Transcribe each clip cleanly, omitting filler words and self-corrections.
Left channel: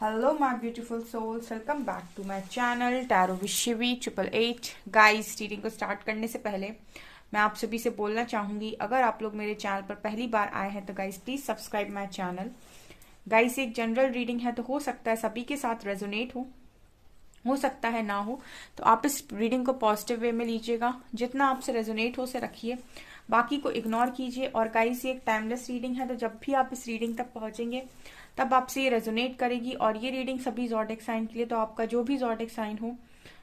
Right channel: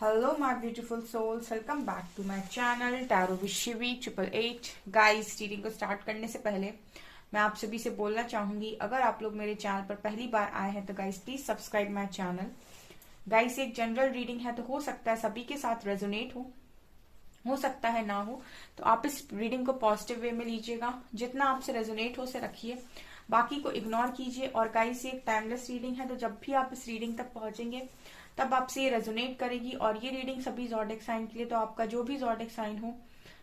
Hello my beautiful souls, welcome back to my channel Tarot with Shivi 888। Guys, reading को start करने से पहले मैं आप सभी से बोलना चाहूंगी, अगर आप लोग मेरे चैनल पर पहली बार आए हैं तो guys please subscribe my channel. Guys, एक जनरल रीडिंग है तो हो सकता है सभी के साथ रेजोनेट हो सकता है ना हो, तो आप इस रीडिंग को पॉजिटिव वे में लीजिएगा। जितना आपसे रेजोनेट हो से रखिए, बाकी को इग्नोर कीजिए। और गाइस, ये एक टाइमलेस रीडिंग है, तो जब भी आप इस रीडिंग तक पहुंचेंगे तब आपसे ये रेजोनेट करेगी। और ये रीडिंग सभी ज़ोडिएक साइन के लिए, तो आपका जो भी ज़ोडिएक साइन हो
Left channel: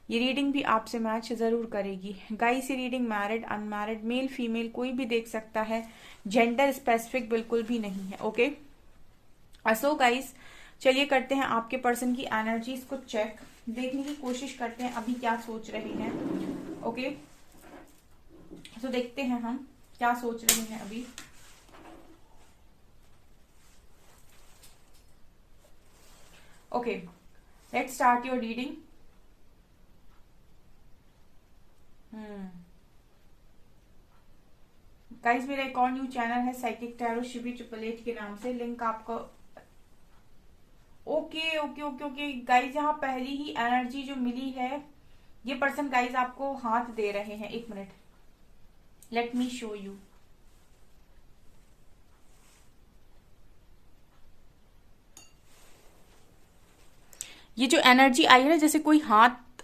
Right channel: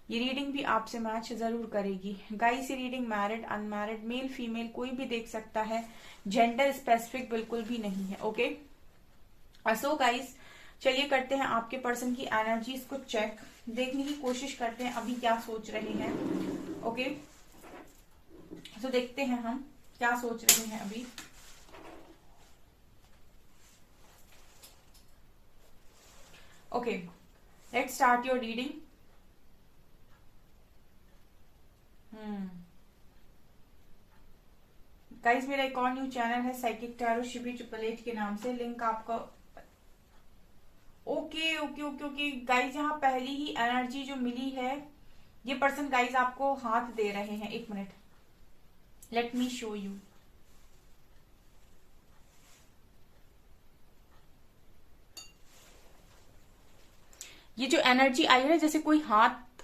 ये रीडिंग भी आपसे मैच जरूर करेगी। गाइस, ये reading married unmarried male female कोई भी देख सकता है, जेंडर स्पेसिफिक बिल्कुल भी नहीं है। ओके, सो गाइस, चलिए करते हैं आपके पर्सन की एनर्जीज को चेक, देखने की कोशिश करते हैं अभी क्या सोच रहे हैं। ओके, तो देखते हैं हम क्या सोच रहे हैं अभी। Okay, let's start your reading. Guys, मेरा एक और न्यू चैनल है साइकिक टैरो शिवी 888 के नाम से, लिंक आपको। Okay okay okay okay guys, यहाँ पहली ही एनर्जी जो मिली है, ये पर्सन गाइस आपको हाथ दे रहे हैं। एक minute, let me show you. ये जो एनर्जी आई है ना, जैसे कोई हाथ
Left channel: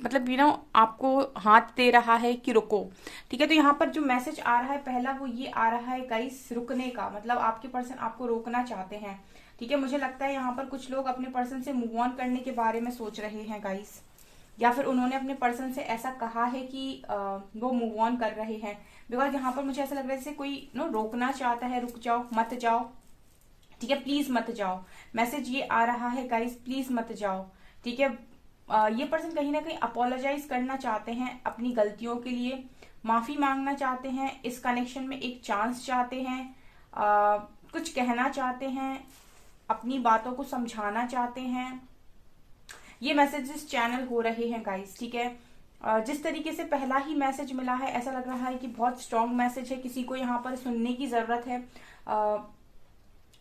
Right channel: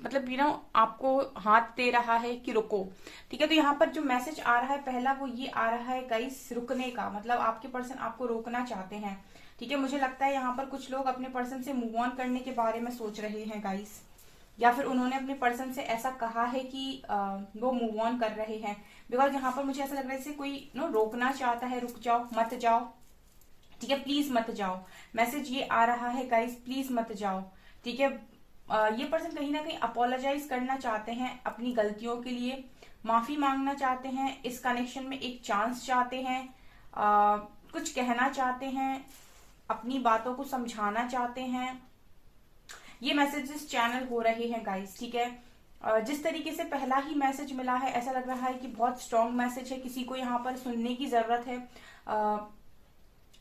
मतलब आपको हाथ दे रहा है कि रुको। ठीक है, तो यहाँ पर जो मैसेज आ रहा है पहला, वो ये आ रहा है गाइस, रुकने का मतलब आपके पर्सन आपको रोकना चाहते हैं। ठीक है, मुझे लगता है यहाँ पर कुछ लोग अपने पर्सन से मूव ऑन करने के बारे में सोच रहे हैं गाइस, या फिर उन्होंने अपने पर्सन से ऐसा कहा है कि वो मूव ऑन कर रहे हैं। बिकॉज यहाँ पर मुझे ऐसा लग रहा है जैसे कोई रोकना चाहता है, रुक जाओ मत जाओ। ठीक है, प्लीज मत जाओ, मैसेज ये आ रहा है गाइस, प्लीज मत जाओ। ठीक है, ये पर्सन कहीं ना कहीं अपोलोजाइज करना चाहते हैं अपनी गलतियों के लिए, माफी मांगना चाहते हैं, इस कनेक्शन में एक चांस चाहते हैं, कुछ कहना चाहते हैं, अपनी बातों को समझाना चाहते हैं। ये मैसेजेस चैनल हो रहे हैं गाइस। ठीक है, जिस तरीके से पहला ही मैसेज मिला है, ऐसा लग रहा है कि बहुत स्ट्रांग मैसेज है, किसी को यहाँ पर सुनने की जरूरत है।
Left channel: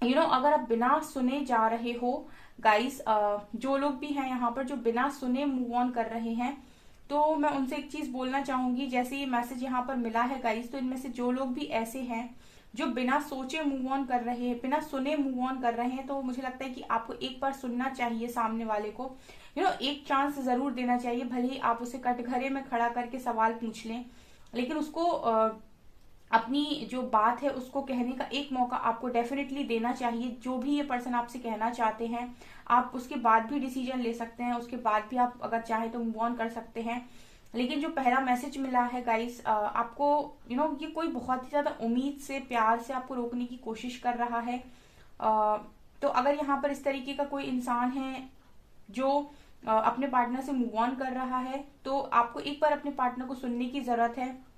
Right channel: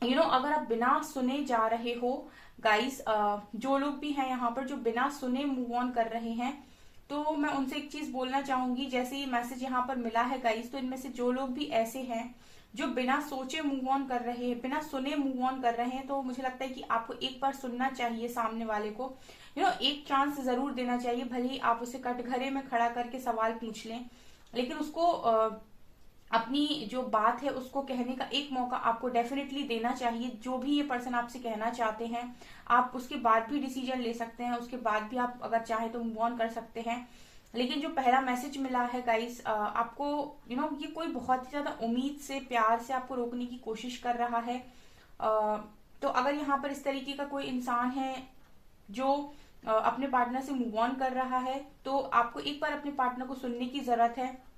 अगर आप बिना सुने जा रहे हो गाइस, जो लोग भी हैं यहाँ पर जो बिना सुने मूव ऑन कर रहे हैं, तो मैं उनसे एक चीज बोलना चाहूंगी। जैसे ये मैसेज यहाँ पर मिला है गाइस, तो इनमें से जो लोग भी ऐसे हैं जो बिना सोचे मूव ऑन कर रहे हैं, बिना सुने मूव ऑन कर रहे हैं, तो मुझे लगता है कि आपको एक बार सुनना चाहिए सामने वाले को। एक चांस जरूर देना चाहिए, भले ही आप उसे कटघरे में खड़ा करके सवाल पूछ लें, लेकिन उसको अपनी जो बात है उसको कहने का एक मौका आपको डेफिनेटली देना चाहिए। जो भी ये पर्सन आपसे कहना चाहते हैं, आप उसके बाद भी डिसीजन ले सकते हैं, उसके बाद भी आप अगर चाहे तो मूव ऑन कर सकते हैं। लेकिन जो पहला मैसेज मिला है गाइस, आपको ये कोई बहुत ही ज्यादा उम्मीद से, प्यार से आपको रोकने की कोशिश कर रहा है। तो अगर यहाँ पर इस तरीके का कोई इंसान है जो अपने पार्टनर से मूव ऑन कर रहा है, तो आपको एक बार अपने पार्टनर को सुनने की जरूरत है।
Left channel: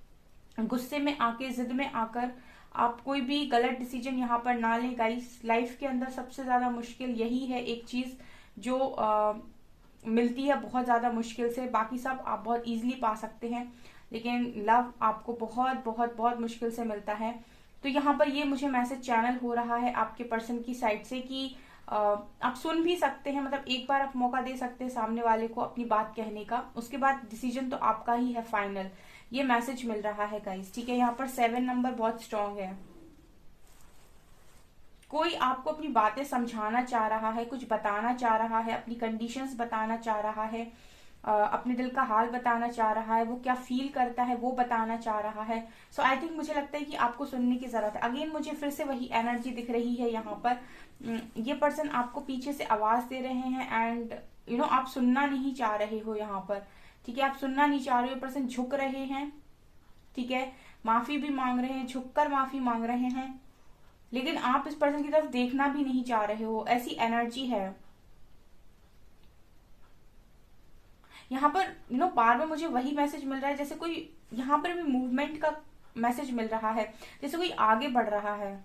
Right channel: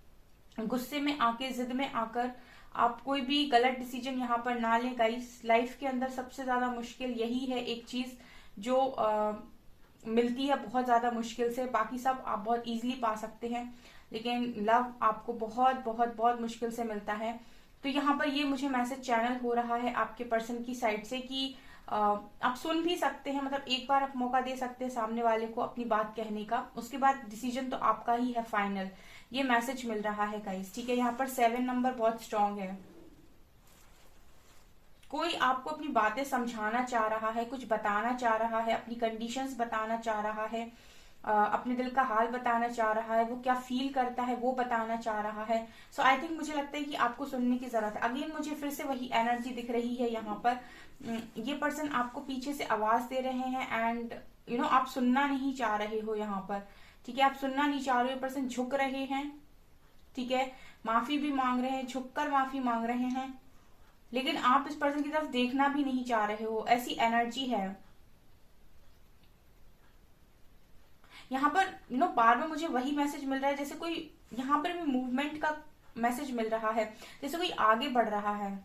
गुस्से में आके, जिद में आकर आप कोई भी गलत डिसीजन यहाँ पर ना लें गाइस। लाइफ के अंदर सबसे ज्यादा मुश्किल यही है, एक चीज जो मिलती है बहुत ज्यादा मुश्किल से, बाकी सब आप बहुत इजीली पा सकते हैं, लेकिन लव आपको बहुत बहुत बहुत मुश्किल से मिलता है। तो यहाँ पर ये मुझे मैसेज चैनल हो रहा है आपके पर्सन की साइड से कि आप सुन भी सकते हैं, मतलब एक बार आप मौका दे सकते हैं सामने वाले को अपनी बात कहने का, उसके बाद डिसीजन तो आपका ही है फाइनल। ये मैसेज मिल रहा है गाइस। ठीक है, यहाँ पर 7 नंबर बहुत स्ट्रांग है। कोई आपको अपनी बातें समझाना चाह रहा है, कुछ बताना चाह रहा है, अपनी कंडीशंस बताना चाह रहा है, अपने दिल का हाल बताना चाह रहा है, वो क्या फील करता है वो बताना चाह रहा है। सो आई थिंक मुझे लगता है कि आपको सुनने की जरूरत है। अगेन मुझे फिर से वही एनर्जी दिख रही है यहाँ पर। ये पर्सन आपको पीछे से आवाज दे रहे हैं एंड आप सुनना नहीं चाह रहे हो यहाँ पर। ठीक है, आप सुनना नहीं चाह रहे हो, पर्सन झुक रहे हैं। ठीक है, माफी भी मांग रहे हैं, झुककर माफी मांग रहे हैं, लेकिन आप इस पर्सन की तरफ देखना भी नहीं चाह रहे हो, ऐसी एनर्जी है यहाँ पर। बार बार मुझे वही मैसेज मिल रहा है, जैसे कोई यहाँ पर भी मूवमेंट का मैसेज मिल रहा है, जैसे कोई आगे बढ़ रहा है।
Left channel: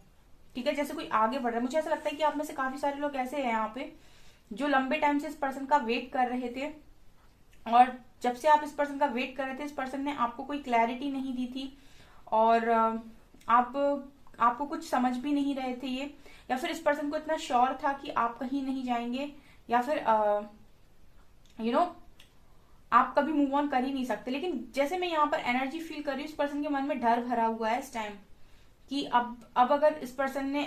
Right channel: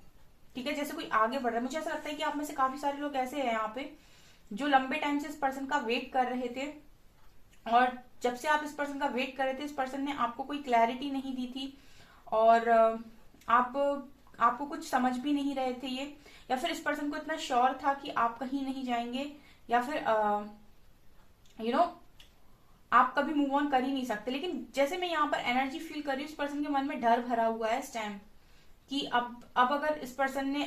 ठीक है, जैसे कोई आगे बढ़ रहा है। मुझे ऐसा लगता है कि आप में से काफी सारे लोग ऐसे हैं यहाँ पे जो लंबे टाइम से इस पर्सन का वेट कर रहे थे, और जब से आप इस पर्सन का वेट कर रहे थे, इस पर्सन ने आपको कोई क्लैरिटी नहीं दी थी, और आप आपको कुछ समझ भी नहीं रहे थे ये, या फिर इस पर्सन को इतना श्योर था कि आप कहीं नहीं जाएंगे, या फिर यू नो आप कभी मूव ऑन कर ही नहीं सकते। लेकिन जैसे मैं यहाँ पर एनर्जी फील कर रही हूँ, इस पर्सन के मन में डर भरा हुआ है इस टाइम कि अब अगर इस पर्सन ने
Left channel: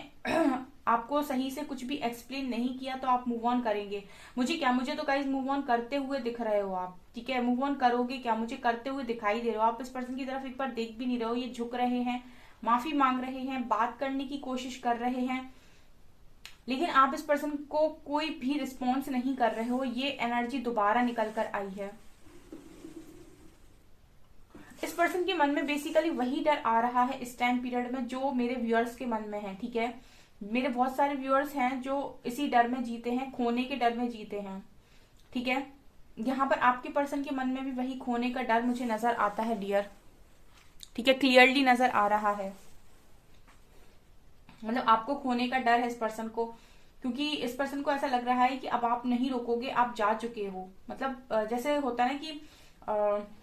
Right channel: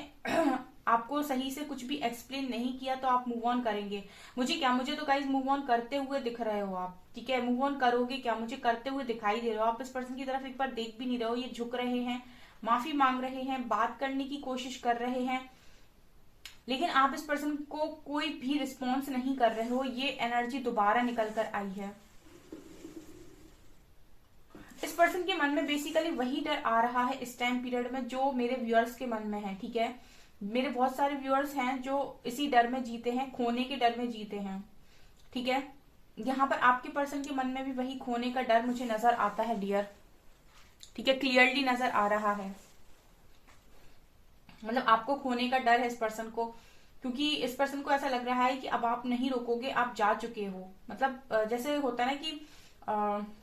आपको सही से कुछ भी एक्सप्लेन नहीं किया तो आप मूव ऑन करेंगे। मुझे तो गाइस मूव ऑन करते हुए दिख रहे हो आप, ठीक है। मूव ऑन करोगे क्या, मुझे करते हुए दिखाई दे रहे हो आप। इस पर्सन की तरफ एक बार देख भी नहीं रहे हो, ये झुक रहे हैं, माफी मांग रहे हैं, बात करने की कोशिश कर रहे हैं, लेकिन आप इस पर्सन को कोई भी रिस्पॉन्स नहीं कर रहे हो। ये एनर्जी दोबारा निकल कर आई है। इस पर्सन के मन में बेसिकली वही डर आ रहा है इस टाइम पीरियड में जो मेरे व्यूअर्स के मन में है, ठीक है। मेरे बहुत सारे व्यूअर्स हैं जो इसी डर में जीते हैं, खोने के डर में जीते हैं, ठीक है। यहाँ पर आपके पर्सन के मन में भी वही खोने का डर मुझे नजर आता है डियर, ठीक है, क्लियरली नजर आ रहा है। मतलब आपको खोने का डर है इस पर्सन को, क्योंकि इस पर्सन को ऐसा लग रहा है कि अब आप नहीं रोकोगे, आप जा चुके हो। मतलब जैसे होता है ना कि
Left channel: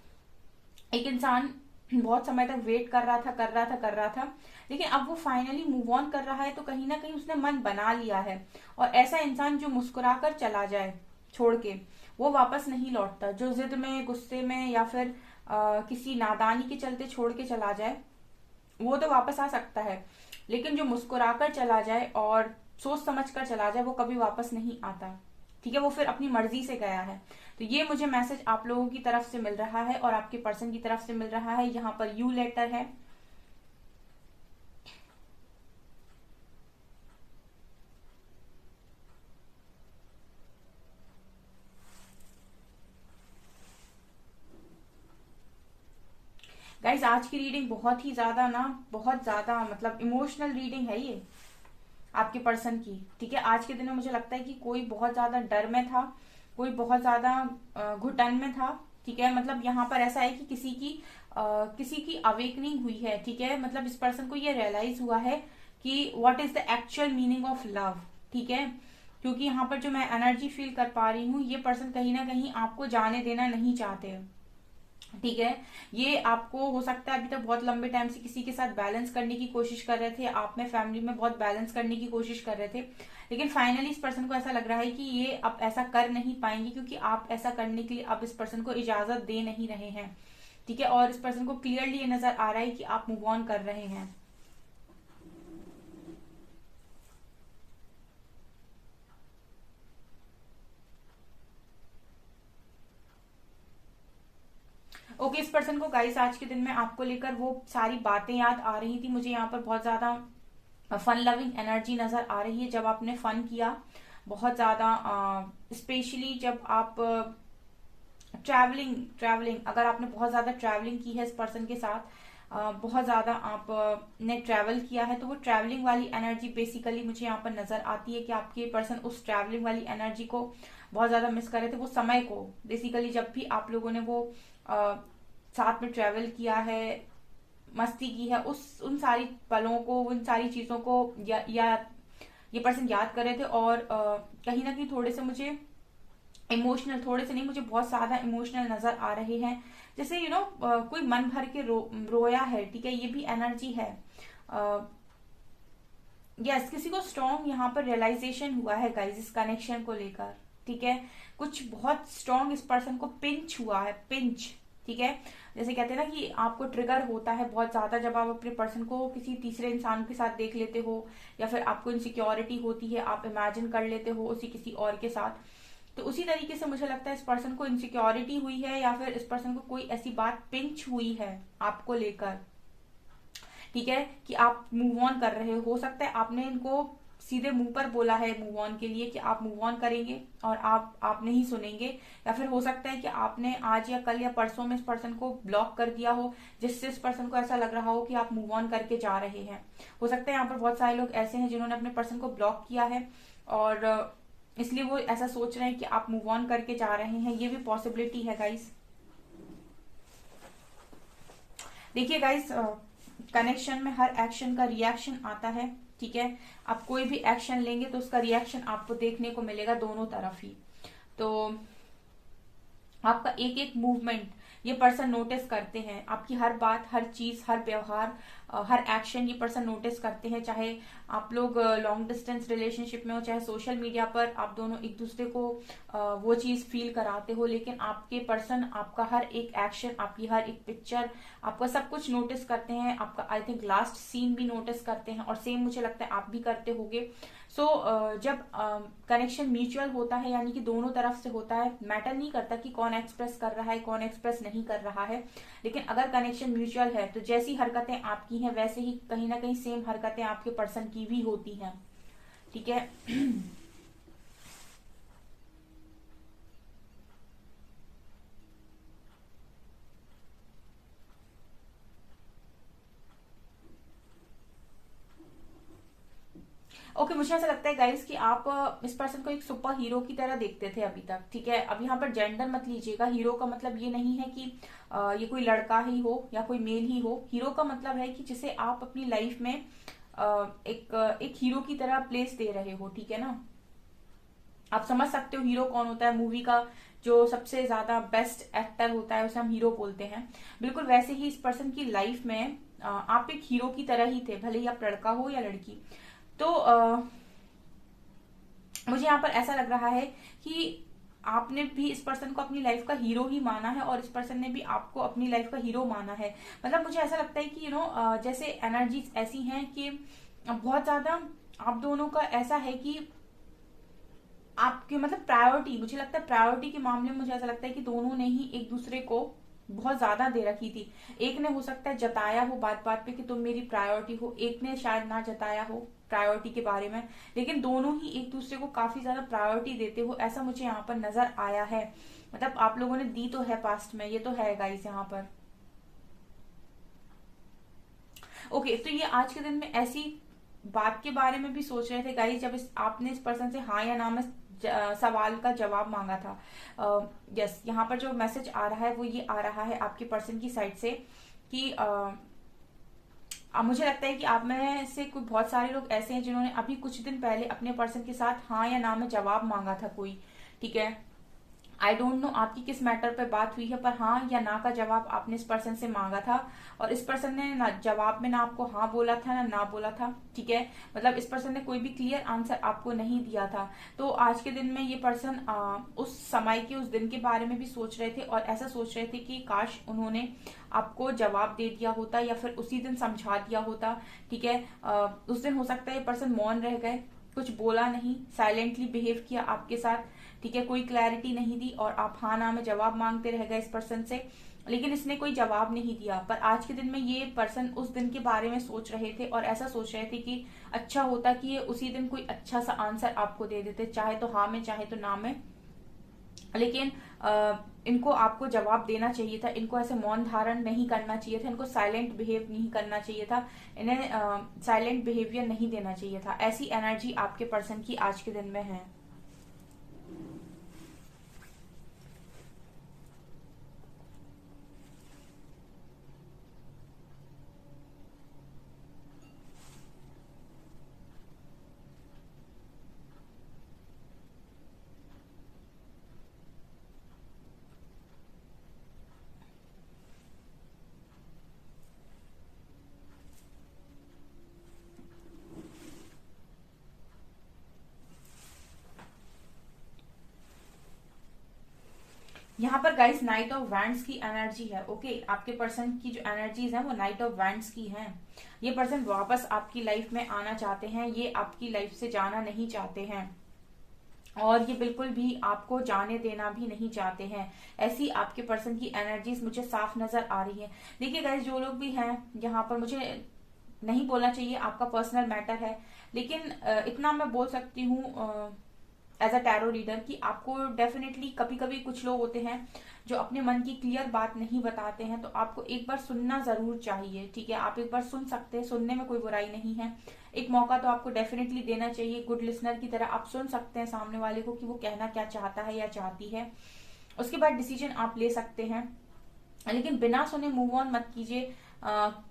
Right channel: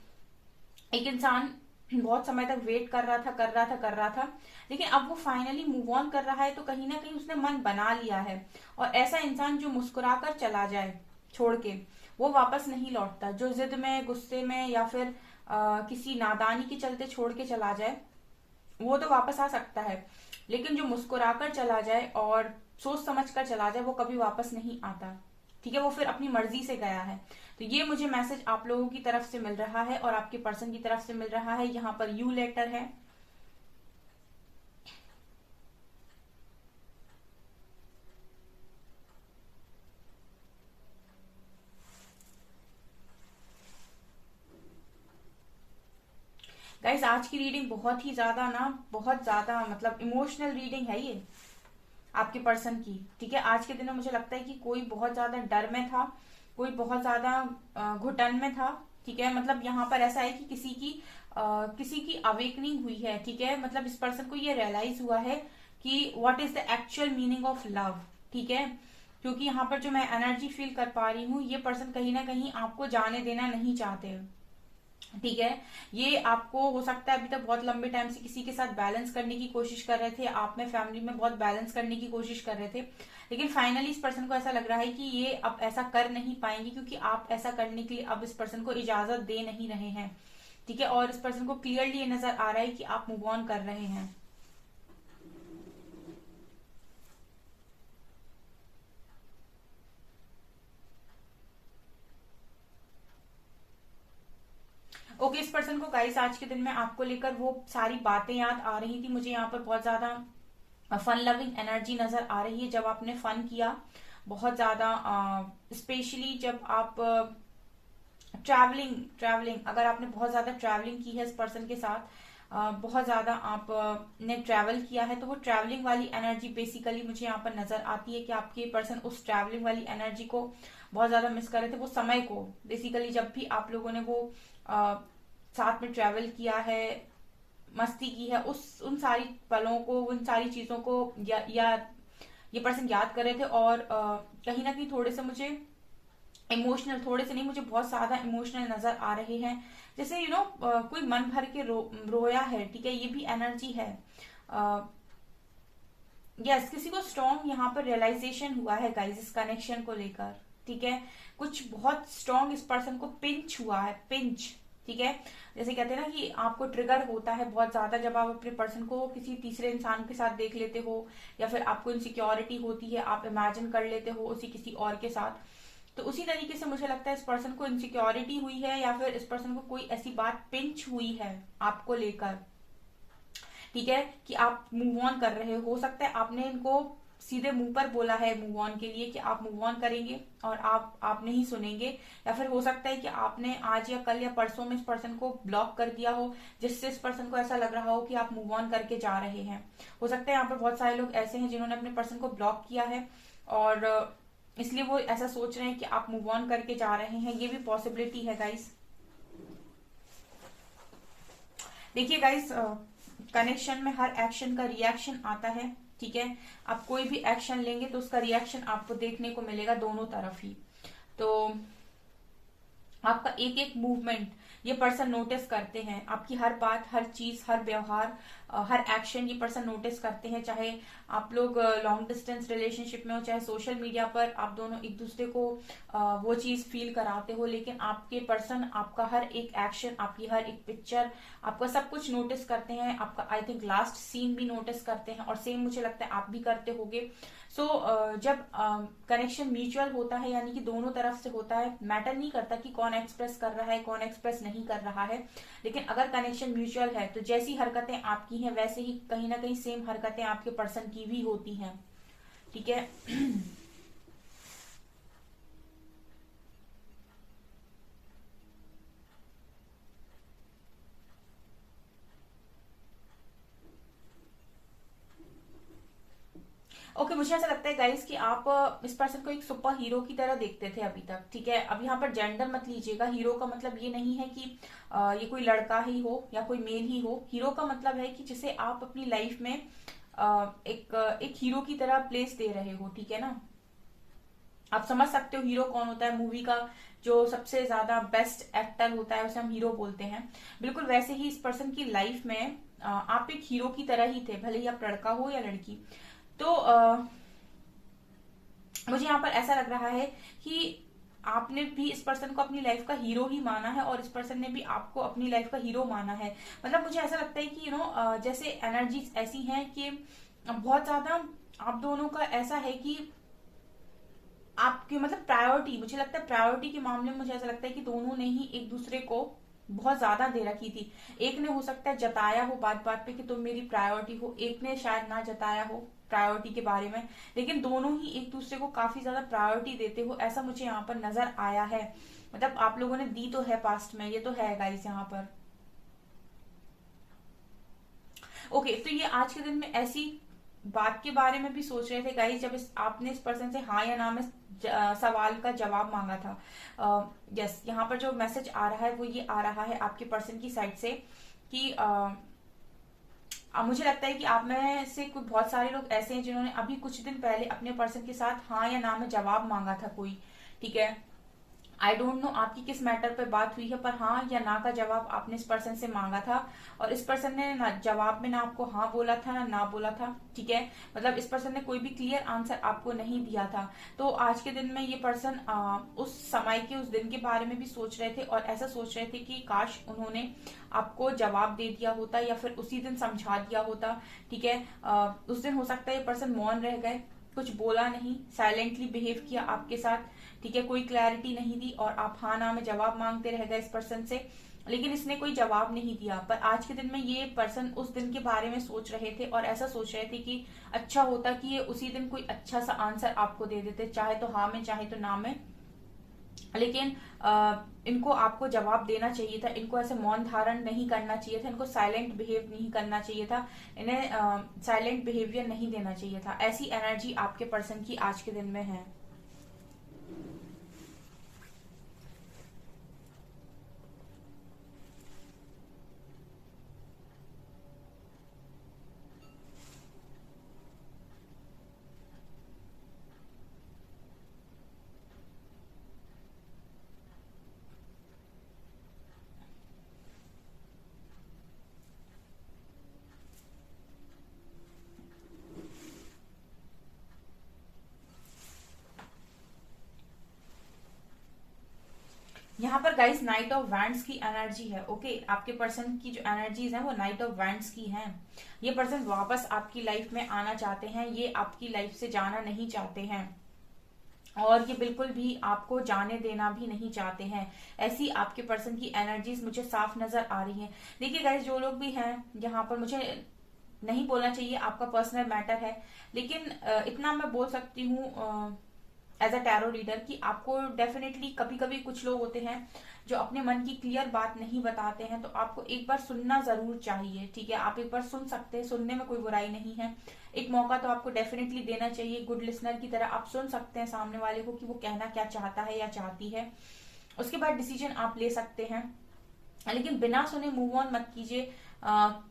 एक इंसान बहुत समय तक वेट कर रहा था, लेकिन अब वो फाइनली मूव ऑन कर रहा है, तो कहीं ना कहीं उसने मन बना लिया है। और ऐसा इंसान जो मुस्कुराकर चला जाए छोड़ के, वो वापस नहीं लौटता। जो जिद में, गुस्से में या फिर किसी नादानी के चलते छोड़ के चला जाए, वो तो वापस आ सकता है, लेकिन जो मुस्कुराकर चला जाए और सोच समझ कर चला जाए, वो कभी वापस नहीं आता, ठीक है। वो फिर अपनी मर्जी से गया है। तो ये मुझे मैसेज आप लोगों की तरफ से मिल रहा है और आपके पर्सन की तरफ से मिल रहा है। यहाँ पर यू लेटर है, गाइस आज की रीडिंग बहुत ही ज्यादा बहुत ज्यादा मतलब इमोशनल रीडिंग है ये आपके पर्सन की, ठीक है। आज के दिन में मुझे लगता है कि कोई बहुत ज्यादा डर में था, कोई बहुत ज्यादा घुटन में था, ठीक है। मतलब यहाँ पर ऐसा है कि किसी की अवेकनिंग हुई है, ठीक है। मतलब इस पर्सन को ये रियलाइज हुआ है कि what is the actual meaning of love, ठीक है। क्योंकि यहाँ पर जो मैं एनर्जी फील कर पा रही हूँ, ये पर्सन कहीं ना कहीं आपको जाने देना नहीं चाहते हैं, ठीक है। ये आपको हो सकता है अभी तक बहुत लंबे टाइम से किसी के साथ बैलेंस करने की कोशिश कर रहे थे, आप में फैमिली में बहुत बैलेंस करने की कोशिश कर रहे थे, लेकिन फाइनली इस पर्सन को ऐसा लग रहा है कि ये अब ऐसा कर नहीं पाएंगे, क्योंकि आप ऐसा करने के लिए अब इस पर्सन को इजाजत दे नहीं रहे हैं, ठीक है। और इस पर्सन को क्लियरली ये नजर आ रहा है कि आप मूव ऑन कर रहे हैं। ओके, इस पर्सन को गाइस आज के दिन में आपको लेकर वो सारी बातें याद आ रही थी। मुझे यहाँ पर बहुत ज्यादा फन लविंग एनर्जी नजर आ रही है। जब आपने फन किया बहुत ज्यादा, स्पेशली जब आप ट्रैवलिंग अगर आपने बहुत ज्यादा ट्रैवलिंग की है इस पर्सन के साथ, बहुत ज्यादा आपने ट्रैवल किया है, तो वो ट्रैवलिंग वाली एनर्जी बेसिकली मुझे यहाँ पर नजर आती है कि आपके पर्सन उस ट्रैवलिंग वाली एनर्जी को बहुत ज्यादा मिस कर रहे थे। वो समय को बेसिकली जब भी आप लोगों ने वो साथ में ट्रैवल किया है, मस्ती की है, उन सारी पलों को, उन सारी चीजों को या ये पर्सन याद कर रहे थे। और कहीं ना कहीं थोड़े से मुझे इमोशनल, थोड़े से नहीं, मुझे बहुत ज्यादा इमोशनल नजर आ रहे हैं। जैसे कोई मन भर के रोया है, ठीक है। ये भी एनर्जी है। यस, किसी को स्ट्रॉन्ग यहाँ पर रियलाइजेशन हुआ है गाइस इस कनेक्शन को लेकर, ठीक है। कुछ बहुत स्ट्रॉन्ग इस पर्सन को पिंच हुआ है, पिंच, ठीक है। जैसे कहते हैं ना कि आपको ट्रिगर होता है बहुत ज्यादा जब आप अपने पर्सन को किसी तीसरे इंसान के साथ देख लेते हो, या फिर आपको इनसिक्योरिटी होती है, आप इमेजिन कर लेते हो उसी किसी और के साथ। तो उसी तरीके से मुझे लगता है इस पर्सन को इनसिक्योरिटी हुई है, या फिर इस पर्सन को कोई ऐसी बात पिंच हुई है आपको लेकर, ठीक है, कि आप मूव ऑन कर रहे हो सकता है आपने इनको सीधे मुंह पर बोला है मूव ऑन के लिए कि आप मूव ऑन करेंगे और आप नहीं सुनेंगे, या फिर हो सकता है कि आपने आज या कल या परसों में इस पर्सन को ब्लॉक कर दिया हो, जिससे इस पर्सन को ऐसा लग रहा हो कि आप मूव ऑन करके जा रहे हैं। हो सकता है यहाँ पर बहुत सारे लोग ऐसे हैं जिन्होंने अपने पर्सन को ब्लॉक किया है और इसलिए वो ऐसा सोच रहे हैं कि आप मूव ऑन करके जा रहे हैं। ये भी पॉसिबिलिटी है गाइस। देखिए गाइस, कनेक्शन में हर एक्शन का रिएक्शन आता है, ठीक है। आप कोई भी एक्शन लेंगे तो उसका रिएक्शन आपको देखने को मिलेगा दोनों तरफ ही। तो आपका एक एक मूवमेंट ये पर्सन नोटिस करते हैं आपकी हर बात, हर चीज, हर व्यवहार, हर एक्शन ये पर्सन नोटिस करते हैं। चाहे आप लोग लॉन्ग डिस्टेंस रिलेशनशिप में हो, चाहे सोशल मीडिया पर आप दोनों एक दूसरे को वो चीज फील कराते हो, लेकिन आपके पर्सन आपका हर एक एक्शन, आपकी हर एक पिक्चर, आपका सब कुछ नोटिस करते हैं। आपका आई थिंक लास्ट सीन भी नोटिस करते हैं, और सेम मुझे लगता है आप भी करते होगे। सो जब कनेक्शन म्यूचुअल होता है, यानी कि दोनों तरफ से होता है, मैटर नहीं करता कि कौन एक्सप्रेस कर रहा है कौन एक्सप्रेस नहीं कर रहा है, लेकिन अगर कनेक्शन म्यूचुअल है तो जैसी हरकतें आपकी हैं वैसे ही कहीं ना कहीं सेम हरकतें आपके पर्सन की भी होती हैं। ठीक है। ओके, मुझे ऐसा लगता है गाइस कि आप इस पर्सन को एक सुपर हीरो की तरह देखते थे अभी तक। ठीक है, अब यहाँ पर जेंडर मत लीजिएगा। हीरो का मतलब ये नहीं है कि ये कोई लड़का ही हो या कोई मेल ही हो। हीरो का मतलब है कि जिसे आप अपनी लाइफ में एक हीरो की तरह प्लेस दे रहे हो। ठीक है ना, आप समझ सकते हो हीरो कौन होता है। मूवी का जो सबसे ज्यादा बेस्ट एक्टर होता है उसे हम हीरो बोलते हैं। बिल्कुल वैसे ही इस पर्सन की लाइफ में आप एक हीरो की तरह ही थे, भले ही आप लड़का हो या लड़की। तो मुझे यहाँ पर ऐसा लग रहा है कि आपने भी इस पर्सन को अपनी लाइफ का हीरो ही माना है, और इस पर्सन ने भी आपको अपनी लाइफ का हीरो माना है। मतलब मुझे ऐसा लगता है कि जैसे एनर्जीज ऐसी हैं कि बहुत ज्यादा आप दोनों का ऐसा है कि आपकी मतलब प्रायोरिटी, मुझे लगता है प्रायोरिटी के मामले में मुझे ऐसा लगता है कि दोनों ने ही एक दूसरे को बहुत ज्यादा दे रखी थी। एक ने हो सकता है जताया हो बात बात पे कि तुम मेरी प्रायोरिटी हो, एक ने शायद ना जताया हो प्रायोरिटी के बारे में, लेकिन दोनों ही एक दूसरे को काफी ज्यादा प्रायोरिटी देते हो, ऐसा मुझे यहाँ पर नजर आया है। मतलब आप लोगों ने दी तो है पास्ट में, ये तो है गाइस यहाँ पर। ओके, तो ये आज के दिन में ऐसी बात के बारे में भी सोच रहे थे गाइस जब आपने इस पर्सन से हाँ या ना में सवाल का जवाब मांगा था। यस, यहाँ पर जो मैसेज आ रहा है वो ये आ रहा है आपके पर्सन की साइड से कि मुझे लगता है कि आप में से कुछ बहुत सारे लोग ऐसे हैं जिन्होंने अभी कुछ दिन पहले अपने पर्सन के साथ हाँ या ना में जवाब मांगा था कोई। ठीक है, आई डोंट नो आपकी किस मैटर पे बात हुई है, पर हाँ या ना का जवाब आपने इस पर्सन से मांगा था, और इस पर्सन ने ना जवाब में ना आपको हाँ बोला था ना बोला था। ठीक है, मतलब इस पर्सन ने कोई भी क्लियर आंसर आपको नहीं दिया था। तो आज के दिन में ये पर्सन उस समय के उस दिन के बारे में भी सोच रहे थे, और ऐसा सोच रहे थे कि काश उन्होंने आपको जवाब दे दिया होता या फिर उसी दिन समझा दिया होता। ठीक है, उस दिन हो सकता है ये पर्सन मौन रह गए, कुछ बोला नहीं, साइलेंटली बिहेव किया आपके साथ। ठीक है, कोई क्लैरिटी नहीं दी, और आप हाँ ना में जवाब मांगते रह गए इस पर्सन से, लेकिन इसने कोई जवाब नहीं दिया। पर आज के दिन में ये पर्सन उस दिन के बारे में सोच रहे थे, और ऐसा सोच रहे थे कि अच्छा होता कि ये उसी दिन कोई अच्छा सा आंसर आपको दे देते, चाहे तो हाँ में चाहे तो ना में, लेकिन इनको आपको जवाब देना चाहिए था। इनको ऐसे मौन धारण नहीं करना चाहिए था, इनको साइलेंट बिहेव नहीं करना चाहिए था, इन्हें साइलेंट बिहेवियर नहीं देना चाहिए था। ऐसी एनर्जी आपके पर्सन की आज के दिन में है। यहाँ पर गाइस नाइट ऑफ वैंड्स की एनर्जी है। ओके, आपके पर्सन की जो एनर्जीज है वो नाइट ऑफ वैंड्स की हैं। ये पर्सन वापस आपकी लाइफ में आना चाहते हैं, ये आपकी लाइफ से जाना नहीं चाहते हैं, और ये बिल्कुल भी आपको जाने देना भी नहीं चाहते हैं। ऐसी आपके पर्सन की एनर्जीज मुझे साफ नजर आ रही है। देखिए गाइस, जो लोग भी हैं यहाँ पर, मुझे नहीं बोलना चाहिए आपका पर्सनल मैटर है, लेकिन इतना मैं बोल सकती हूँ एज अ टैरो रीडर कि आपको डेफिनेटली कभी कभी कुछ लोग होते हैं जो अपने मन की क्लियर बात नहीं बताते हैं, तो आपको एक बार सुनना जरूर चाहिए। ठीक है, आप एक बार सुन सकते हैं, सुनने में कोई बुराई नहीं है। एक मौका तो आपको डेफिनेटली देना चाहिए। गुड लिसनर की तरह आप सुन सकते हैं सामने वाले को कि वो कहना क्या चाहता है या चाहती है, उसके बाद डिसीजन आप ले सकते हैं, लेकिन बिना सुने मूव ऑन मत कीजिए,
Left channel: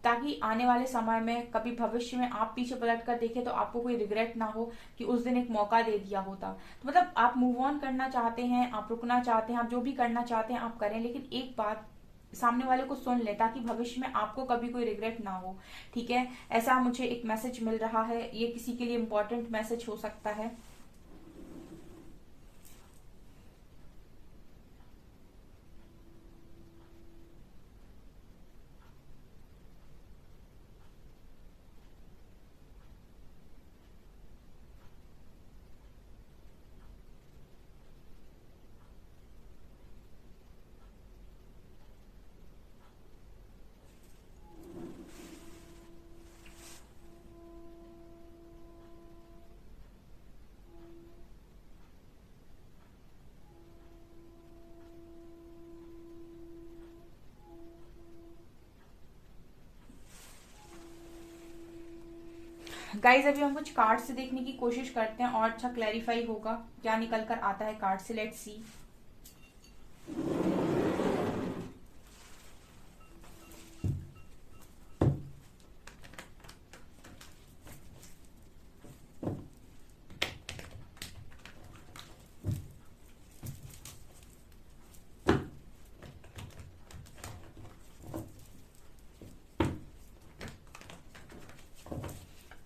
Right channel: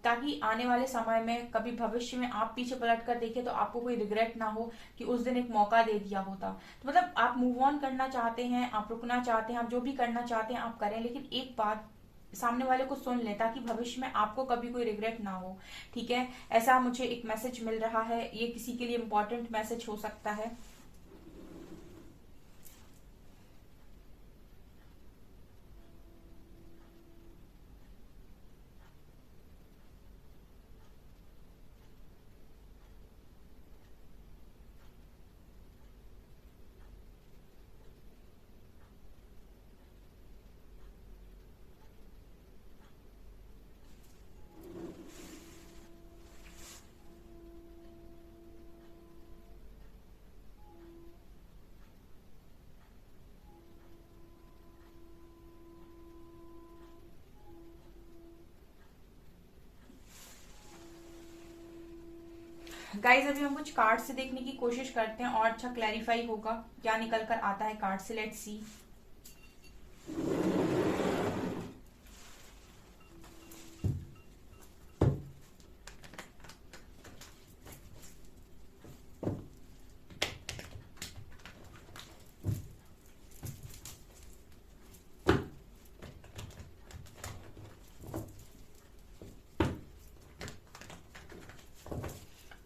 ताकि आने वाले समय में कभी भविष्य में आप पीछे पलट कर देखें तो आपको कोई रिग्रेट ना हो कि उस दिन एक मौका दे दिया होता। तो मतलब आप मूव ऑन करना चाहते हैं, आप रुकना चाहते हैं, आप जो भी करना चाहते हैं आप करें, लेकिन एक बात सामने वाले को सुन ले, ताकि भविष्य में आपको कभी कोई रिग्रेट ना हो। ठीक है, ऐसा मुझे एक मैसेज मिल रहा है, ये किसी के लिए इंपॉर्टेंट मैसेज हो सकता है। गाइज अभी हम कुछ कार्ड से देखने की कोशिश करते हैं और अच्छा क्लैरिफाई होगा क्या निकल कर आता है कार्ड से। Let's see.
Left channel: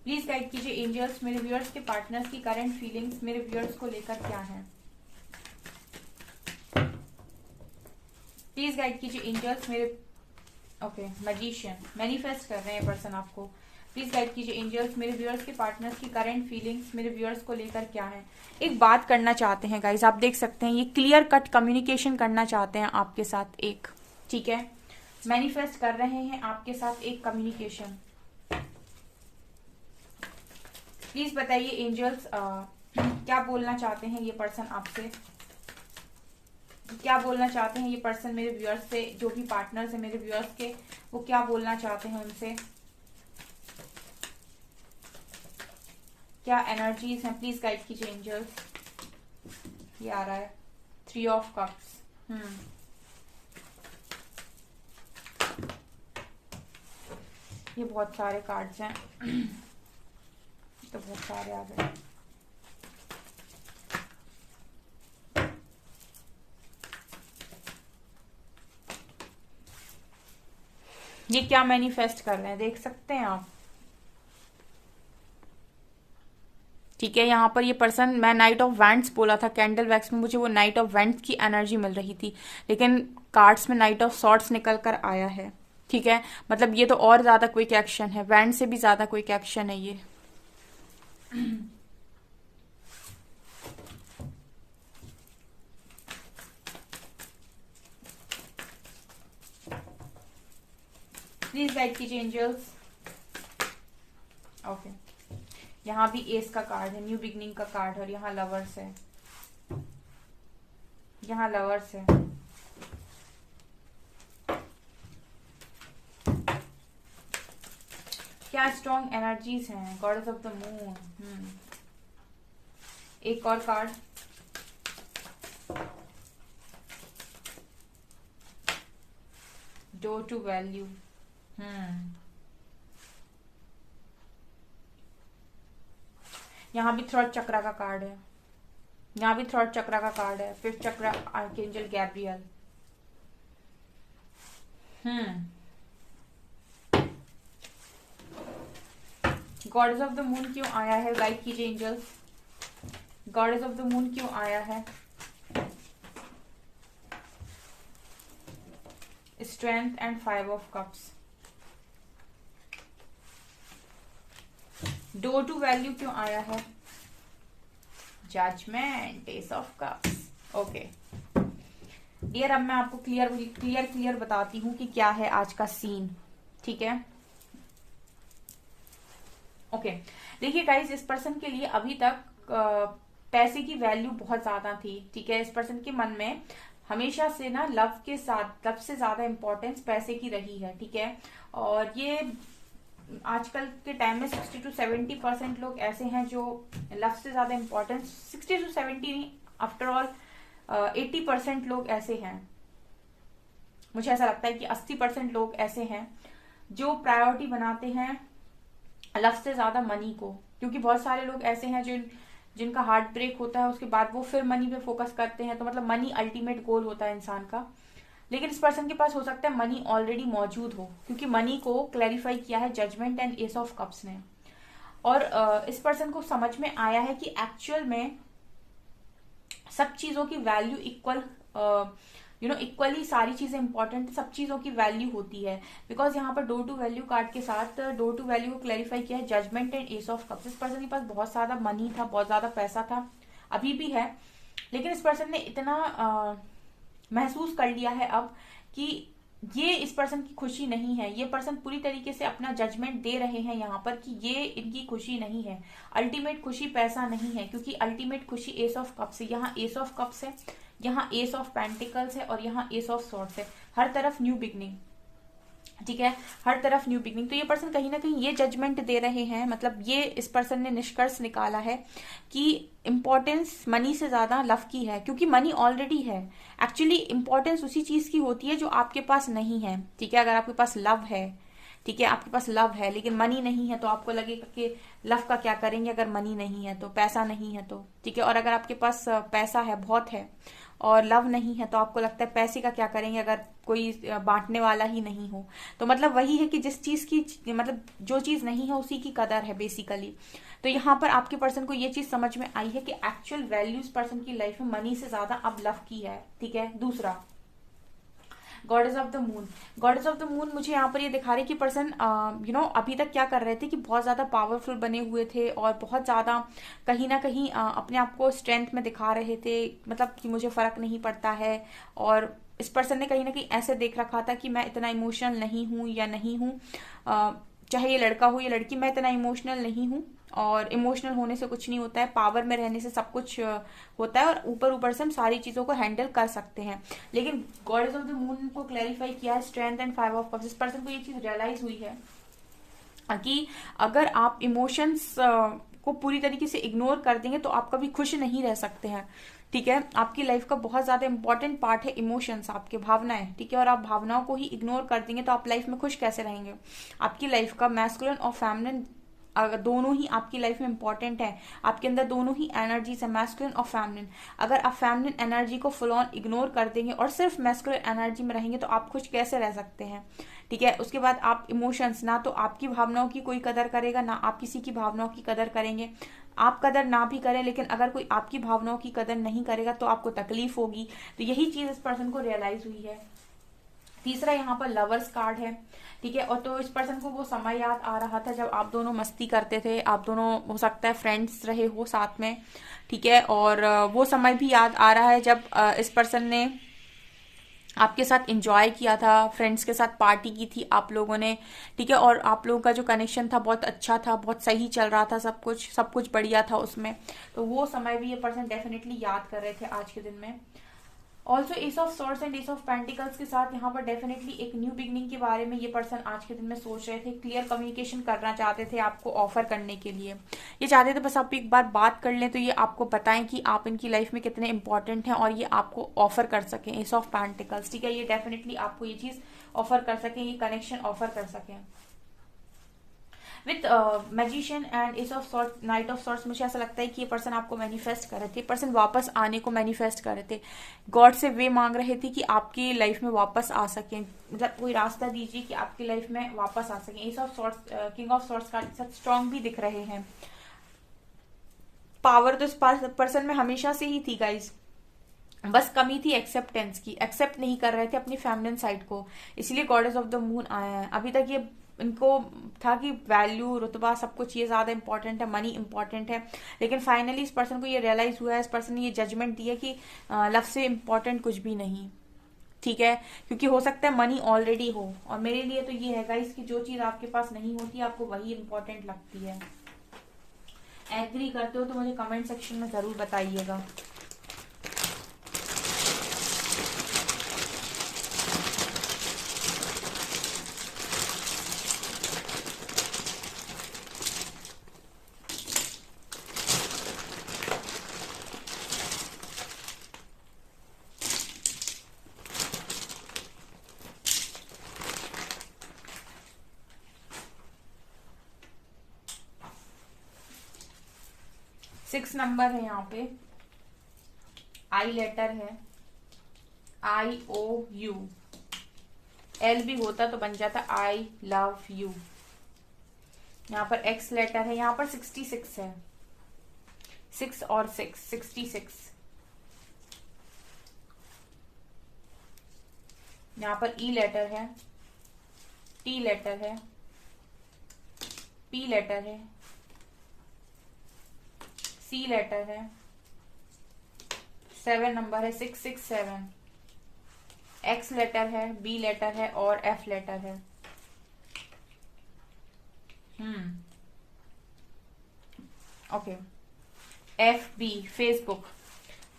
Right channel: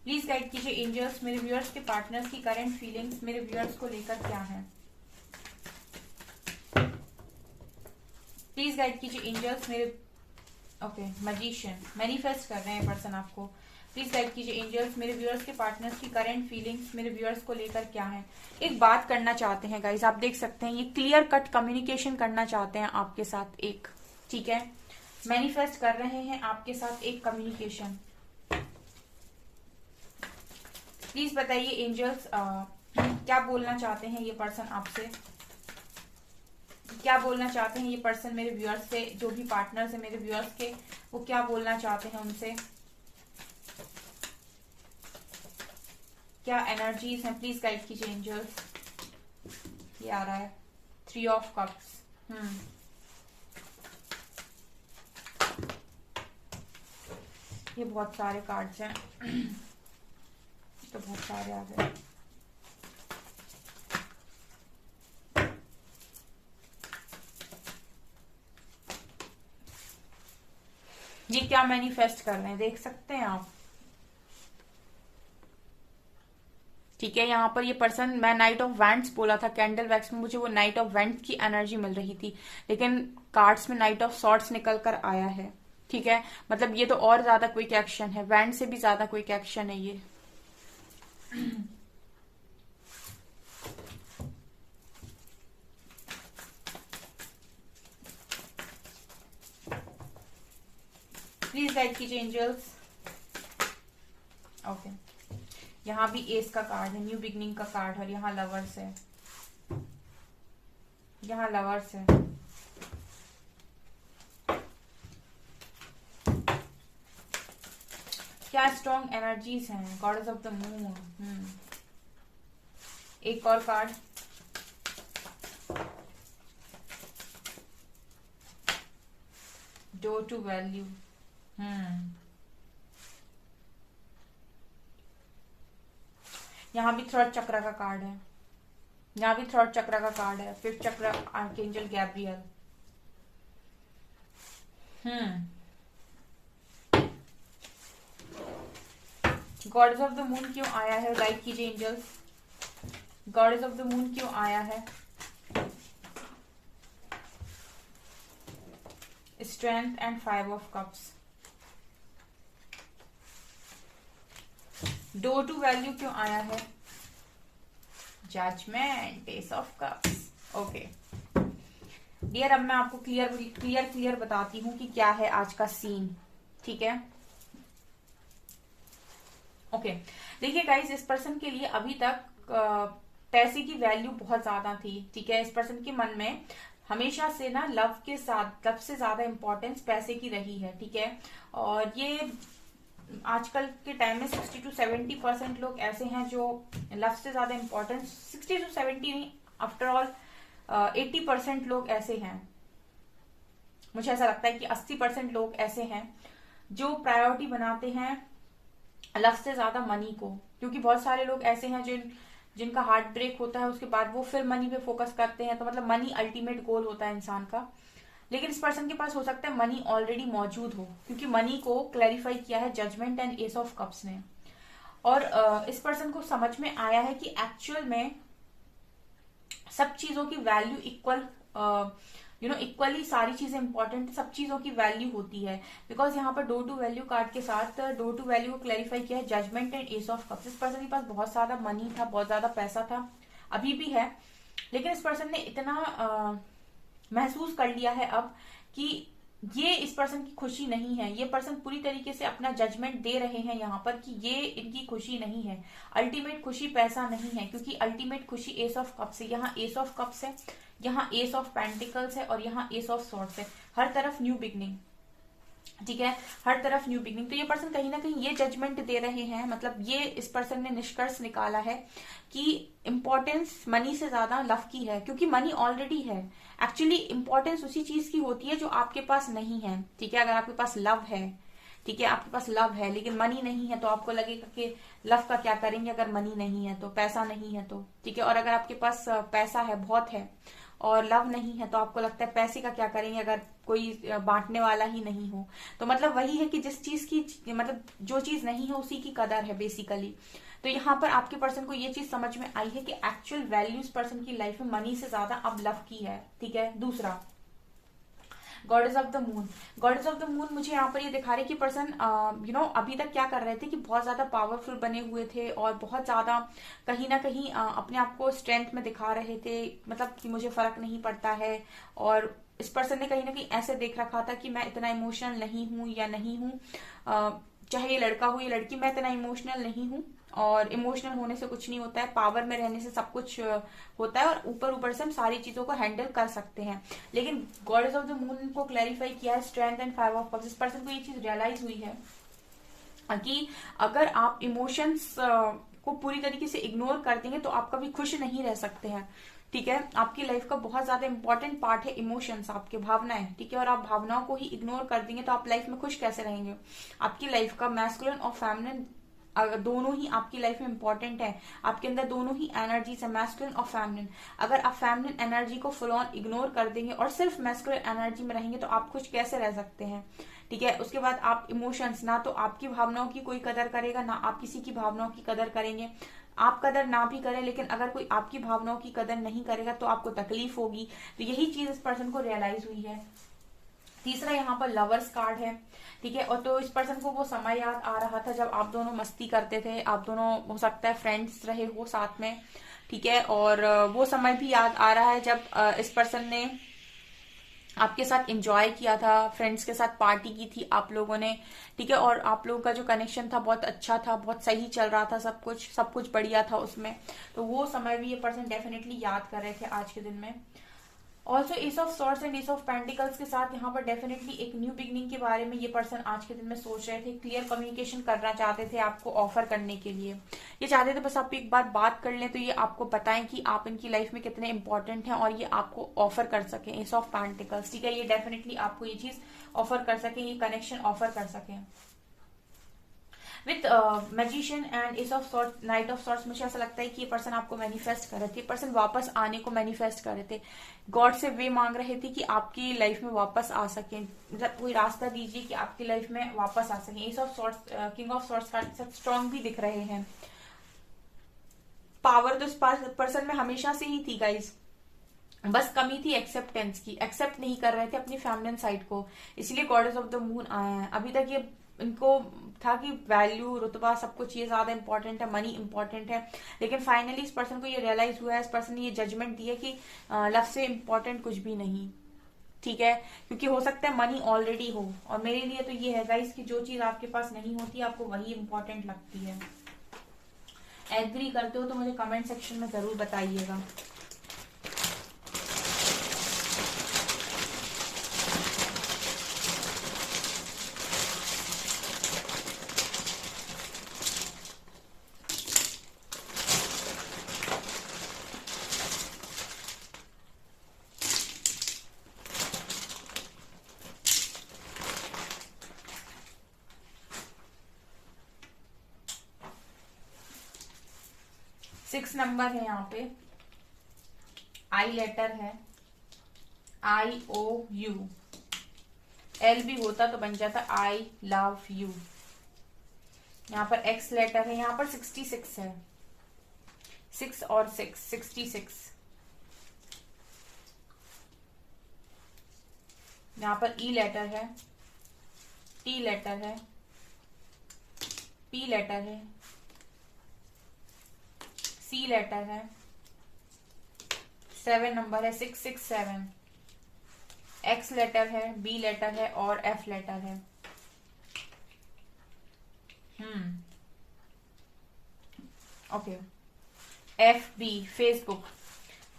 प्लीज गाइड कीजिए एंजल्स, मेरे व्यूअर्स के पार्टनर्स की करंट फीलिंग्स मेरे व्यूअर्स को लेकर क्या है। प्लीज गाइड कीजिए एंजल्स मेरे, ओके मैजिशियन मैनिफेस्ट कर रहे हैं पर्सन आपको। प्लीज गाइड कीजिए एंजल्स, मेरे व्यूअर्स के पार्टनर्स की करंट फीलिंग्स मेरे व्यूअर्स को लेकर क्या है। एक बात करना चाहते हैं गाइज, आप देख सकते हैं ये क्लियर कट कम्युनिकेशन करना चाहते हैं आपके साथ एक, ठीक है, मैनिफेस्ट कर रहे हैं आपके साथ एक कम्युनिकेशन। प्लीज बताइए एंजल्स क्या बोलना चाहते हैं ये पर्सन आपसे, क्या बोलना चाहते हैं ये पर्सन मेरे व्यूअर्स से, जो भी पार्टनर्स है मेरे व्यूअर्स के, वो क्या बोलना चाहते हैं उनसे, क्या एनर्जीज हैं। प्लीज गाइड कीजिए एंजल्स। ये आ रहा है 3 ऑफ कप्स। ये बहुत सारे कार्ड्स हैं तो बहुत सारे आ गए। ये क्या मैनिफेस्ट कर रहे हैं देख सकते हैं आप, ठीक है। यहाँ पर ये पर्सन, मैं नाइट ऑफ वैंड्स बोला था कैंडल वैक्स में, मुझे वो नाइट ऑफ वैंड्स की एनर्जी मिल रही थी, लेकिन कार्ड्स में नाइट ऑफ सॉर्ड्स निकल कर आया है, ठीक है। मतलब ये तो और ज्यादा क्विक एक्शन है, वैंड से भी ज्यादा क्विक एक्शन है ये। प्लीज गाइड कीजिए एंजल्स। ओके, यहाँ भी एस का कार्ड है, न्यू बिगनिंग का कार्ड है, यहाँ लवर्स है, यहाँ लवर्स है। क्या स्ट्रॉन्ग एनर्जीज हैं, गॉडेस ऑफ द मून। एक और कार्ड, डोर टू वैल्यू। यहाँ भी थ्रॉट चक्रा का कार्ड है, यहाँ भी थ्रॉट चक्रा का कार्ड है, fifth chakra archangel Gabriel. Goddess of the moon क्यों आया है, गाइड कीजिए angels. Goddess of the moon क्यों आया है। Strength and 5 of cups. Door to value क्यों आया है, judgement, ace of cups. Okay dear, अब मैं आपको क्लियर बताती हूँ कि क्या है आज का सीन, ठीक है। ओके देखिए गाइज, इस पर्सन के लिए अभी तक पैसे की वैल्यू बहुत ज्यादा थी, ठीक है। इस पर्सन के मन में हमेशा से ना लव के साथ, लव से ज्यादा इंपॉर्टेंस पैसे की रही है, ठीक है। और ये आजकल के टाइम में 60 to 70% लोग ऐसे हैं जो लव से ज्यादा इंपॉर्टेंस, 60 to 70 नहीं, आफ्टर ऑल 80% लोग ऐसे हैं। मुझे ऐसा लगता है कि 80% लोग ऐसे हैं जो प्रायोरिटी बनाते हैं लव से ज्यादा मनी को, क्योंकि बहुत सारे लोग ऐसे हैं जिनका हार्ट ब्रेक होता है, उसके बाद वो फिर मनी पे फोकस करते हैं। तो मतलब मनी अल्टीमेट गोल होता है इंसान का, लेकिन इस पर्सन के पास हो सकता है मनी ऑलरेडी मौजूद हो, क्योंकि मनी को क्लैरिफाई किया है judgement and ace of cups ने। और इस पर्सन को समझ में आया है कि एक्चुअल में सब चीजों की वैल्यू इक्वल, इक्वली सारी चीजें इंपॉर्टेंट, सब चीजों की वैल्यू होती है। बिकॉज यहाँ पर डोर टू वैल्यू कार्ड के साथ डोर टू वैल्यू को क्लैरिफाई किया है judgement and ace of cups. इस पर्सन के पास बहुत ज्यादा मनी था, बहुत ज्यादा पैसा था, अभी भी है, लेकिन इस पर्सन ने इतना महसूस कर लिया है अब कि ये इस पर्सन की खुशी नहीं है। ये पर्सन पूरी तरीके से अपना जजमेंट दे रहे हैं यहाँ पर कि ये इनकी खुशी नहीं है। अल्टीमेट खुशी पैसा नहीं है, क्योंकि अल्टीमेट खुशी एस ऑफ कप्स है। यहाँ एस ऑफ कप्स है, यहाँ एस ऑफ पेंटिकल्स है और यहाँ एस ऑफ सॉर्ड्स है। हर तरफ न्यू बिगनिंग, ठीक है, हर तरफ न्यू बिगनिंग। तो ये पर्सन कहीं ना कहीं ये जजमेंट दे रहे हैं, मतलब ये इस पर्सन ने निष्कर्ष निकाला है कि इंपॉर्टेंस मनी से ज्यादा लव की है, क्योंकि मनी ऑलरेडी है। एक्चुअली इंपॉर्टेंस उसी चीज की होती है जो आपके पास नहीं है, ठीक है। अगर आपके पास लव है, ठीक है, आपके पास लव है लेकिन मनी नहीं है, तो आपको लगेगा कि लव का क्या करेंगे अगर मनी नहीं है तो, पैसा नहीं है तो, ठीक है। और अगर आपके पास पैसा है, बहुत है, और लव नहीं है, तो आपको लगता है पैसे का क्या करेंगे अगर कोई बांटने वाला ही नहीं हो। तो मतलब वही है कि जिस चीज की, मतलब जो चीज नहीं है उसी की कदर है बेसिकली। तो यहाँ पर आपके पर्सन को ये चीज समझ में आई है कि एक्चुअल वैल्यूज पर्सन की लाइफ में मनी से ज्यादा अब लव की है, ठीक है। दूसरा, goddess of the moon. Goddess of the moon मुझे यहाँ पर ये दिखा रहे कि पर्सन अभी तक क्या कर रहे थे कि बहुत ज्यादा पावरफुल बने हुए थे और बहुत ज्यादा कहीं ना कहीं अपने आप को स्ट्रेंथ में दिखा रहे थे, मतलब कि मुझे फर्क नहीं पड़ता है। और इस पर्सन ने कहीं ना कहीं ऐसे देख रखा था कि मैं इतना इमोशनल नहीं हूं या नहीं हूं, चाहे ये लड़का हो या लड़की, मैं इतना इमोशनल नहीं हूं। और इमोशनल होने से कुछ नहीं होता है, पावर में रहने से सब कुछ होता है, और ऊपर ऊपर से हम सारी चीजों को हैंडल कर सकते हैं। लेकिन गॉडेस ऑफ द मून को क्लैरिफाई किया है स्ट्रेंथ एंड 5 ऑफ कप्स। इस पर्सन को ये चीज रियलाइज हुई है कि अगर आप इमोशंस को पूरी तरीके से इग्नोर कर देंगे तो आप कभी खुश नहीं रह सकते हैं, ठीक है। आपकी लाइफ का बहुत ज्यादा इंपॉर्टेंट पार्ट है इमोशंस, आपके भावनाएं, ठीक है। और आप भावनाओं को ही इग्नोर कर देंगे तो आप लाइफ में खुश कैसे रहेंगे। आपकी लाइफ का मैस्कुलिन और फेमिनिन दोनों ही आपकी लाइफ में इंपॉर्टेंट है। आपके अंदर दोनों ही एनर्जीज है, मैस्कुलिन और फेमिनिन। अगर आप फेमिनिन एनर्जी को फुल ऑन इग्नोर कर देंगे और सिर्फ मैस्कुलिन एनर्जी में रहेंगे तो आप खुश कैसे रह सकते हैं, ठीक है। उसके बाद आप इमोशंस, ना तो आपकी भावनाओं की कोई कदर करेगा, ना आप किसी की भावनाओं की कदर करेंगे। आप कदर ना भी करें, लेकिन अगर कोई आपकी भावनाओं की कदर नहीं करेगा तो आपको तकलीफ होगी। तो यही चीज इस पर्सन को रियलाइज हुई है। तीसरा यहाँ पर लवर्स कार्ड है, ठीक है। और तो इस पर्सन को वो समय याद आ रहा था जब आप दोनों मस्ती करते थे, आप दोनों हो सकता है फ्रेंड्स रहे हो साथ में, ठीक है। और वो समय भी याद आ रहा है जब इस पर्सन ने आपके साथ एंजॉय किया था, फ्रेंड्स के साथ पार्टी की थी आप लोगों ने, ठीक है। और आप लोगों का जो कनेक्शन था बहुत अच्छा था, बहुत सही चल रहा था, सब कुछ बढ़िया था उसमें। तो वो समय भी ये पर्सन डेफिनेटली याद कर रहे थे आज के दिन में। Also S of swords and ace of pentacles के साथ यहाँ पर डेफिनेटली एक न्यू बिगनिंग के बारे में ये पर्सन आज के दिन में सोच रहे थे, क्लियर कम्युनिकेशन करना चाहते थे आपको ऑफर करने के लिए। ये चाहते थे बस आप एक बार बात कर लें तो ये आपको बताएं कि आप इनकी लाइफ में कितने इंपॉर्टेंट हैं और ये आपको ऑफर कर सकें एस ऑफ पेंटिकल्स, ठीक है। ये डेफिनेटली आपको ये चीज ऑफर कर सकें, ये कनेक्शन ऑफर कर सकें। With magician and ace of swords, knight of swords, मुझे ऐसा लगता है कि ये पर्सन आपको मैनिफेस्ट कर रहे थे, पर्सन वापस आने को मैनिफेस्ट कर रहे थे, गॉड से वे मांग रहे थे कि आपकी लाइफ में वापस आ सकें, मतलब कोई रास्ता दीजिए कि आपकी लाइफ में वापस आ सकें। Ace of swords, king of swords का सब स्ट्रांग भी दिख रहे हैं। पावर तो इस पर्सन में हमेशा से ही थी गाइज, बस कमी थी एक्सेप्टेंस की, एक्सेप्ट नहीं कर रहे थे अपनी फेमिनिन साइड को, इसलिए गॉडेस ऑफ द मून आया है। अभी तक ये इनको था कि वैल्यू, रुतबा, सब कुछ ये ज्यादा इंपॉर्टेंट है, मनी इंपॉर्टेंट है, लेकिन फाइनली इस पर्सन को ये रियलाइज हुआ है, इस पर्सन ने ये जजमेंट दी है कि लव से इंपॉर्टेंट कुछ भी नहीं, ठीक है। क्योंकि हो सकता है मनी ऑलरेडी हो, और मेरे लिए तो ये है गाइस कि जो चीज आपके पास नहीं होती आपको वही इंपॉर्टेंट लगती है। एग्री करते हो तो मुझे कमेंट सेक्शन में जरूर बताइएगा। सिक्स नंबर है यहाँ पे, आई लेटर है, IOU, L भी होता तो बन जाता आई लव यू। यहाँ पर X लेटर है, यहाँ पर 66 है, 6 और 6 66। यहाँ पर E लेटर है, T लेटर है, P लेटर है, C लेटर है, 7 नंबर है, 667। X लेटर है, B लेटर है और F लेटर है। ओके, FB फेसबुक,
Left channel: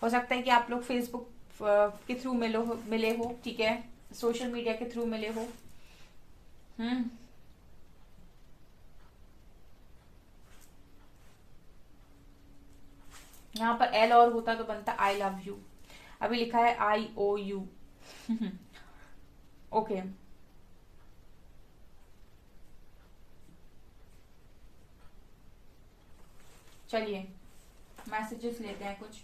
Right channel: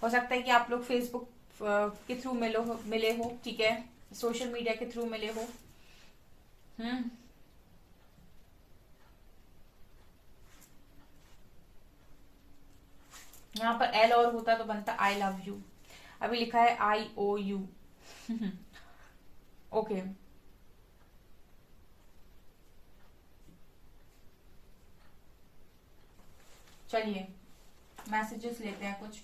हो सकता है कि आप लोग फेसबुक के थ्रू मिले हो, ठीक है, सोशल मीडिया के थ्रू मिले हो। यहाँ पर L और होता तो बनता आई लव यू, अभी लिखा है IOU। ओके, चलिए मैसेजेस लेते हैं कुछ।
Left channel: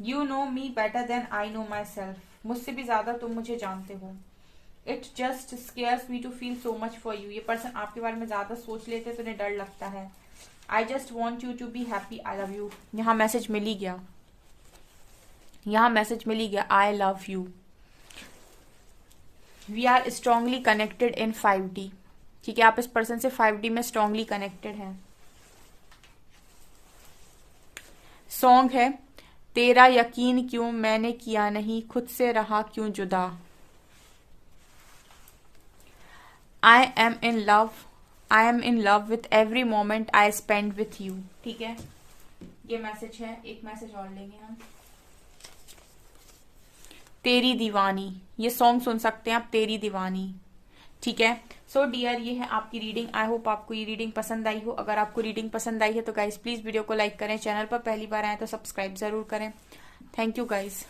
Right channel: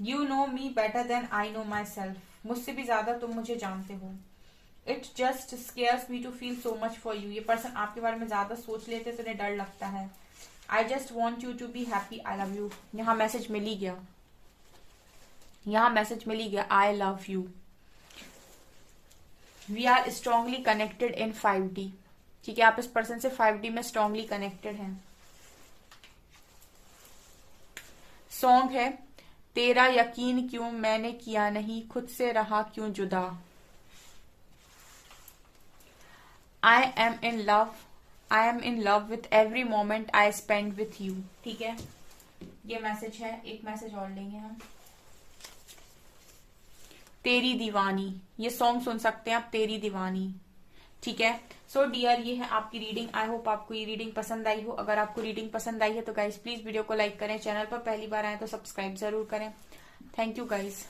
You know me better than I know myself, मुझसे भी ज्यादा तुम मुझे जानते हो। It just scares me to feel so much for you, ये पर्सन आपके बारे में ज्यादा सोच लेते तो उन्हें डर लगता है। I just want you to be happy, I love you. यहाँ मैसेज मिल ही गया, यहाँ मैसेज मिल ही गया, I love you. We are strongly connected in 5D, ठीक है, आप इस पर्सन से 5D में स्ट्रांगली कनेक्टेड हैं। सॉन्ग है, तेरा यकीन क्यों मैंने किया नहीं, खुद से रहा क्यों जुदा। I am in love with every moment I spend with you, ठीक है, ये मैसेज है। एक मैसेज और लेंगे हम, तेरी दीवानी, ये सॉन्ग सुन सकते हैं आप, तेरी दीवानी, ठीक है। सो डियर, ये है आपकी रीडिंग। आई होप आपको ये रीडिंग पसंद आई हो। अगर आपको रीडिंग पसंद आई है तो गाइज प्लीज वीडियो को लाइक करें, चैनल पर पहली बार आए तो सब्सक्राइब जरूर करें। Thank you guys.